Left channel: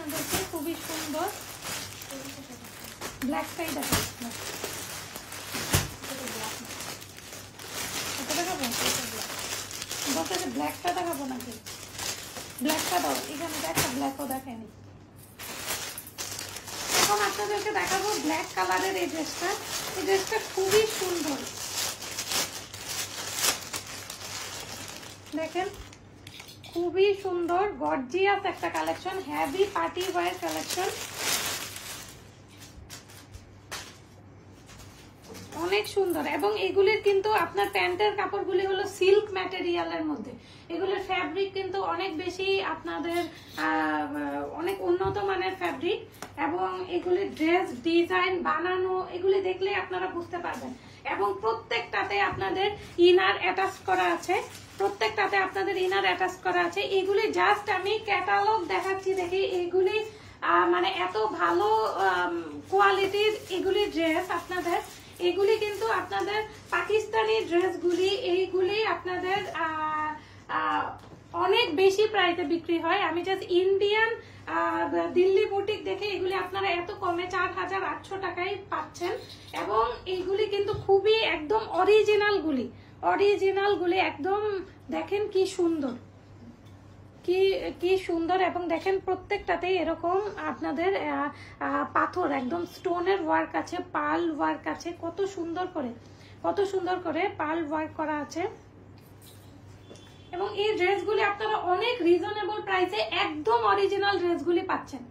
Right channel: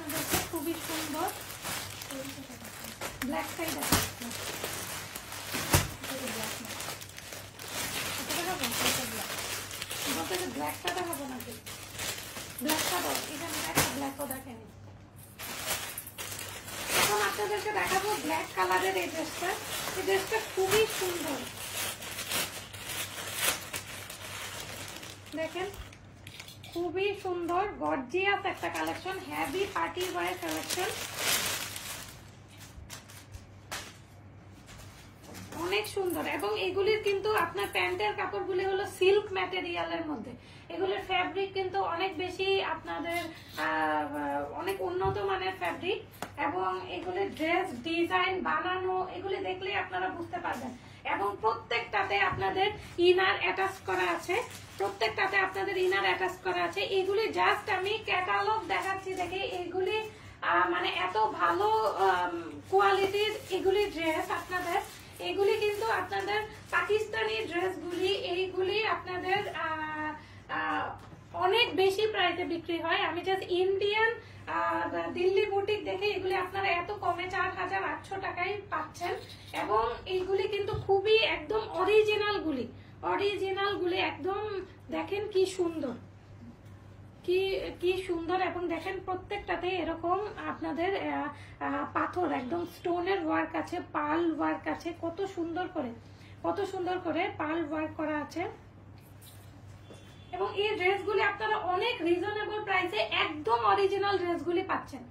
আপনাদেরকে, খুবই সুন্দর। ব্ল্যাক সাইড আছে, ব্ল্যাকটা দেখাবো নাকি? ব্ল্যাকটা দাও, এখানে একটা ব্ল্যাকও দেখেনি। এখন আপনাদেরকে দেখাবো ব্ল্যাক কালারের এই ড্রেসটা। এই ড্রেসটা খুবই সুন্দর, দেখেন খুবই সুন্দর গর্জিয়াস একটা collection, heavy party wear collection, অনেক সুন্দর। এবং এগুলির কিন্তু আপনার প্যান্টের কাপড়গুলি হলো সিল্ক ম্যাটেরিয়ালের মধ্যে। এগুলির ফ্যাব্রিক কিন্তু অনেক বেশি আপনাদের অনেক উন্নত মানের ফ্যাব্রিক, এবং এগুলির ড্রেস ডিজাইন বানানো এগুলি দেখলে আপনারা বুঝতে পারবেন। এবং প্রত্যেকটাতে আপনাদের ইনার অ্যাটাচ করা আছে, প্রত্যেকটাতে আপনাদের ইনার অ্যাটাচ করা আছে। এগুলি জাস্ট আমি ক্যাটালগ দেখাচ্ছি দেখে, এগুলি মানে এত ভালো কোয়ালিটির এগুলি ড্রেস আপনাদের। এগুলি কিন্তু আপনাদের পাকিস্তানি ড্রেসগুলি, এইগুলি আপনাদের অনেক বেশি প্রাইসে বিক্রি হয়। আমি জাস্ট ইন্ডিয়ান দিল্লি বুটিক দেখে এগুলি আপনারা এত কমে 4800 টাকায় পাচ্ছেন। এবং এইগুলি কিন্তু খুবই একদম অরিজিনাল গুলি একদম দেখেন কি সুন্দর, কি সুন্দর। এবং দেখেন প্রত্যেকটাতে এরকম আপনাদের পাথর একদম স্টোনের ওয়ার্ক আছে, পার্ল ওয়ার্ক আছে, কত সুন্দর করে পার্ল ওয়ার্ক করা আছে। এবং এই ড্রেসগুলি আপনারা অনেক রিজনেবল প্রাইসে একদম অরিজিনাল ড্রেসগুলি পাচ্ছেন,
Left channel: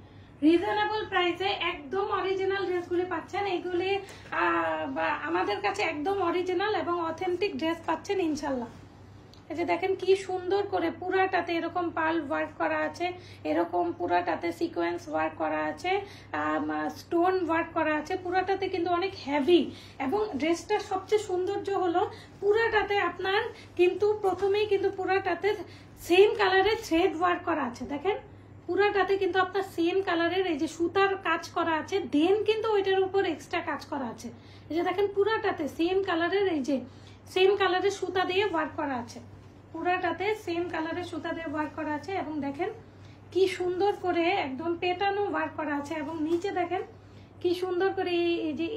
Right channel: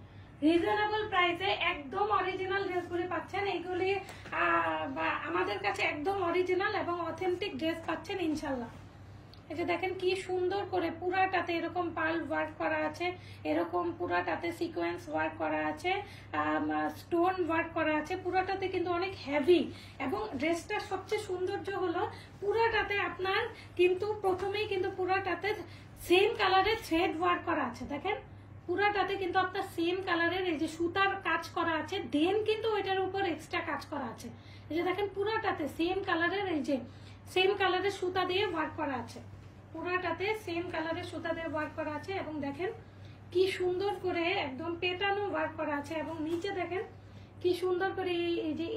রিজনেবল প্রাইসে একদম অরিজিনাল ড্রেসগুলি পাচ্ছেন। এগুলি আমাদের কাছে একদম অরিজিনাল এবং অথেন্টিক ড্রেস পাচ্ছেন ইনশাল্লাহ। এই যে দেখেন কি সুন্দর করে পুরাটাতে এরকম পার্ল ওয়ার্ক করা আছে, এরকম পুরাটাতে সিকোয়েন্স ওয়ার্ক করা আছে, স্টোন ওয়ার্ক করা আছে, পুরাটাতে কিন্তু অনেক হেভি। এবং ড্রেসটার সবচেয়ে সৌন্দর্য হলো পুরাটাতে আপনার কিন্তু প্রথমেই কিন্তু পুরাটাতে সেম কালারের থ্রেড ওয়ার্ক করা আছে। দেখেন পুরাটাতে কিন্তু আপনার সেম কালারের এই যে সুতার কাজ করা আছে, দেন কিন্তু ওইটার উপর এক্সট্রা কাজ করা আছে। এই যে দেখেন পুরাটাতে সেম কালারের এই যে সেম কালারের সুতা দিয়ে ওয়ার্ক করা আছে, পুরাটাতে সেম কালারের সুতা দিয়ে ওয়ার্ক করা আছে। এবং দেখেন কি সুন্দর করে একদম পেটানো ওয়ার্ক করা আছে। এবং নিচে দেখেন কি সুন্দর করে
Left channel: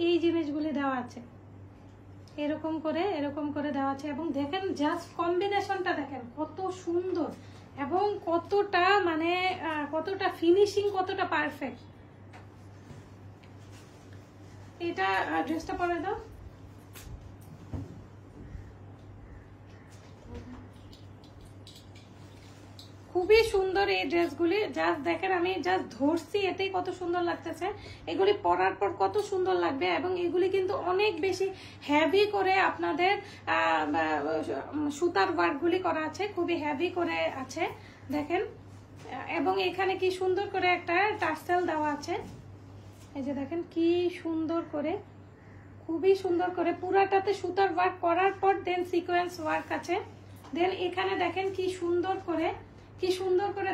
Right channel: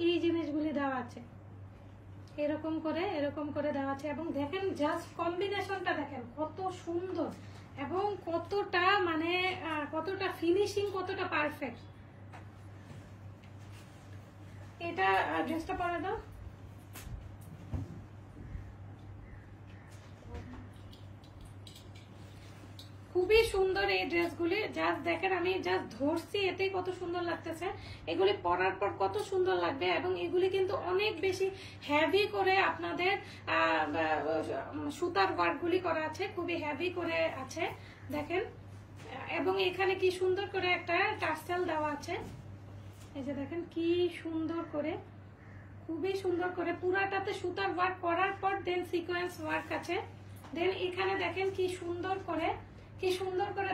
এই জিনিসগুলি দেওয়া আছে, এরকম করে দেওয়া আছে। এবং দেখেন জাস্ট কম্বিনেশনটা দেখেন কত সুন্দর, এবং কতটা মানে কতটা ফিনিশিং, কতটা পারফেক্ট। এটা ড্রেসটা পরে দাও, খুবই সুন্দর এই ড্রেসগুলি। জাস্ট দেখেন আমি জাস্ট ধরছি, এতেই কত সুন্দর লাগতেছে। এগুলি পরার পর কত সুন্দর লাগবে। এবং এগুলি কিন্তু অনেক বেশি হেভি করে আপনাদের সুতার ওয়ার্কগুলি করা আছে, খুবই হেভি করে আছে দেখেন। এবং এখানে কি সুন্দর করে একটা টার্সেল দেওয়া আছে, এই যে দেখেন কি সুন্দর করে, খুবই সুন্দর করে পুরাটাতে সুতার ওয়ার্ক করার পর দেন সিকোয়েন্স ওয়ার্ক আছে। দেন এখানে দেখেন কি সুন্দর করে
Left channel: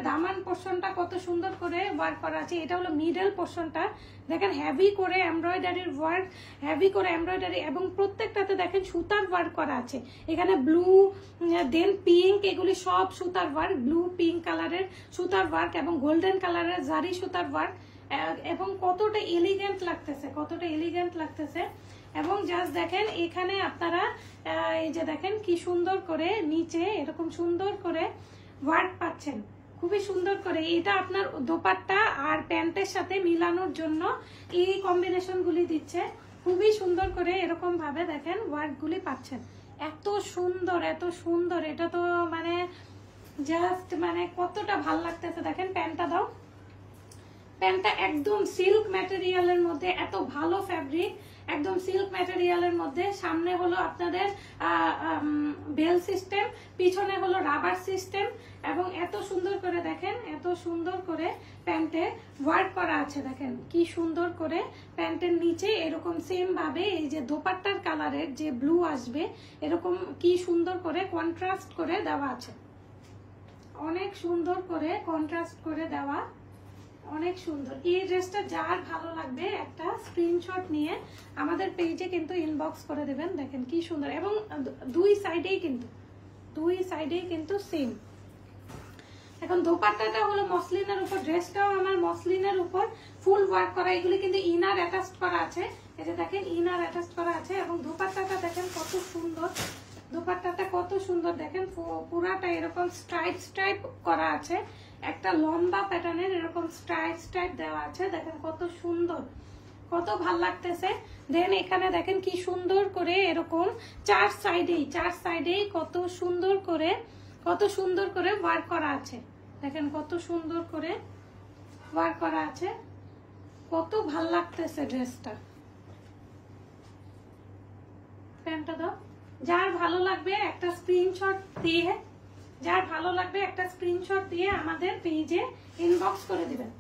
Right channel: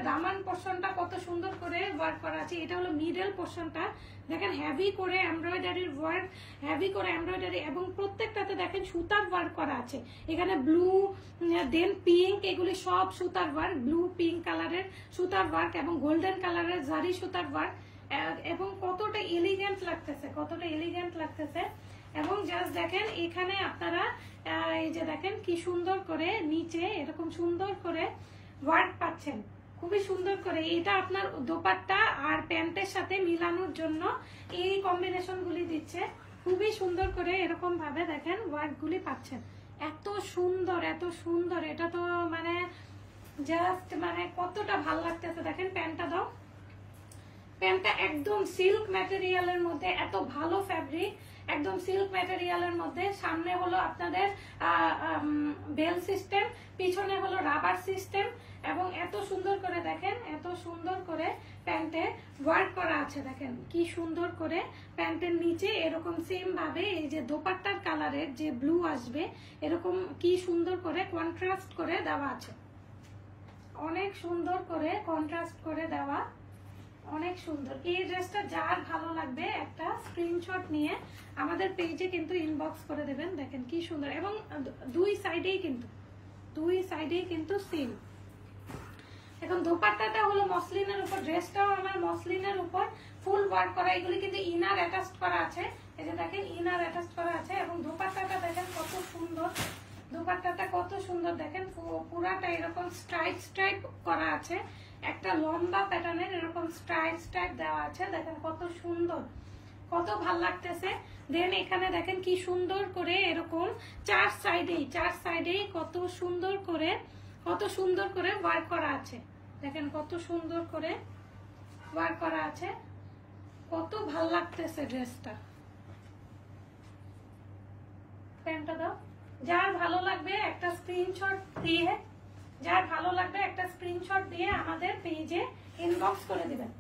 দামান পোর্শনটা কত সুন্দর করে ওয়ার্ক করা আছে। এটা হলো মিডল পোর্শনটা, দেখেন হেভি করে এমব্রয়ডারির ওয়ার্ক, হেভি করে এমব্রয়ডারি। এবং প্রত্যেকটাতে দেখেন সুতার ওয়ার্ক করা আছে। এখানে ব্লু দেন পিঙ্ক, এগুলি সব সুতার ওয়ার্ক, ব্লু পিঙ্ক কালারের সুতার ওয়ার্ক এবং গোল্ডেন কালারের জারি সুতার ওয়ার্ক। এবং কতটা এলিগেন্ট লাগতেছে। এবং জাস্ট দেখেন এখানে আপনারা এই যে দেখেন কি সুন্দর করে নিচে এরকম সুন্দর করে ওয়ার্ক পাচ্ছেন, খুবই সুন্দর করে। এটা আপনার দোপাট্টা আর প্যান্টের সাথে মিলানোর জন্য এই কম্বিনেশন গুলি দিচ্ছে, খুবই সুন্দর করে এরকম ভাবে দেখেন ওয়ার্ক গুলি পাচ্ছেন। এত সুন্দর, এটা তো মানে জাস্ট মানে কতটা ভালো লাগতেছে। দেখেন প্যান্টটা দাও, প্যান্টটা একদম সিল্ক ম্যাটেরিয়ালের মধ্যে, এত ভালো ফ্যাব্রিক, একদম সিল্ক ম্যাটেরিয়ালের মধ্যে। সামনে হলো আপনাদের বেল সিস্টেম, পিছনে হলো রাবার সিস্টেম। এবং এত সুন্দর করে দেখেন, এত সুন্দর করে প্যান্টে ওয়ার্ক করা আছে। দেখেন কি সুন্দর করে প্যান্টের নিচে এরকম সেম ভাবে এই যে দোপাট্টার কালারের যে ব্লু আসবে, এরকম কি সুন্দর করে কন্ট্রাস্ট করে দেওয়া আছে, অনেক সুন্দর করে কন্ট্রাস্ট করে দেওয়া, অনেক সুন্দর। এই ড্রেসটা যার ভালো লাগবে একটা স্ক্রিনশট নিয়ে আমাদের পেজে কিন্তু ইনবক্স করে দেবেন। দেখেন কি সুন্দর। এবং দুই সাইডেই কিন্তু সেম। এখন দোপাট্টাটা হলো মসলিনের উপর, ড্রেসটাও আমার মসলিনের উপর ফুল ওয়ার্ক করা। এগুলি কিন্তু ইনার অ্যাটাচ করা আছে, এই যে দেখেন ইনার অ্যাটাচ করা আছে। এবং দোপাট্টাটা দেখেন কত সুন্দর, দোপাট্টাটা কত সুন্দর দেখেন, পুরাটা এরকম স্ট্রাইপ স্ট্রাইপ করা আছে, একটা লম্বা প্যাটার্নের এরকম স্ট্রাইপ স্ট্রাইপ দেওয়া আছে। দেখেন কত সুন্দর, কত ভাল লাগতেছে। দেন এখানে দেখেন কি সুন্দর করে এরকম চার সাইডেই কত সুন্দর করে ওয়ার্ক করা আছে। দেখেন কত সুন্দর করে ওয়ার্ক করা আছে, কত ভাল লাগতেছে ড্রেসটা। প্যান্টটা দাও। যার ভালো লাগবে একটা স্ক্রিনশট দিয়ে আমাদের পেজে ইনবক্স করে দিবেন।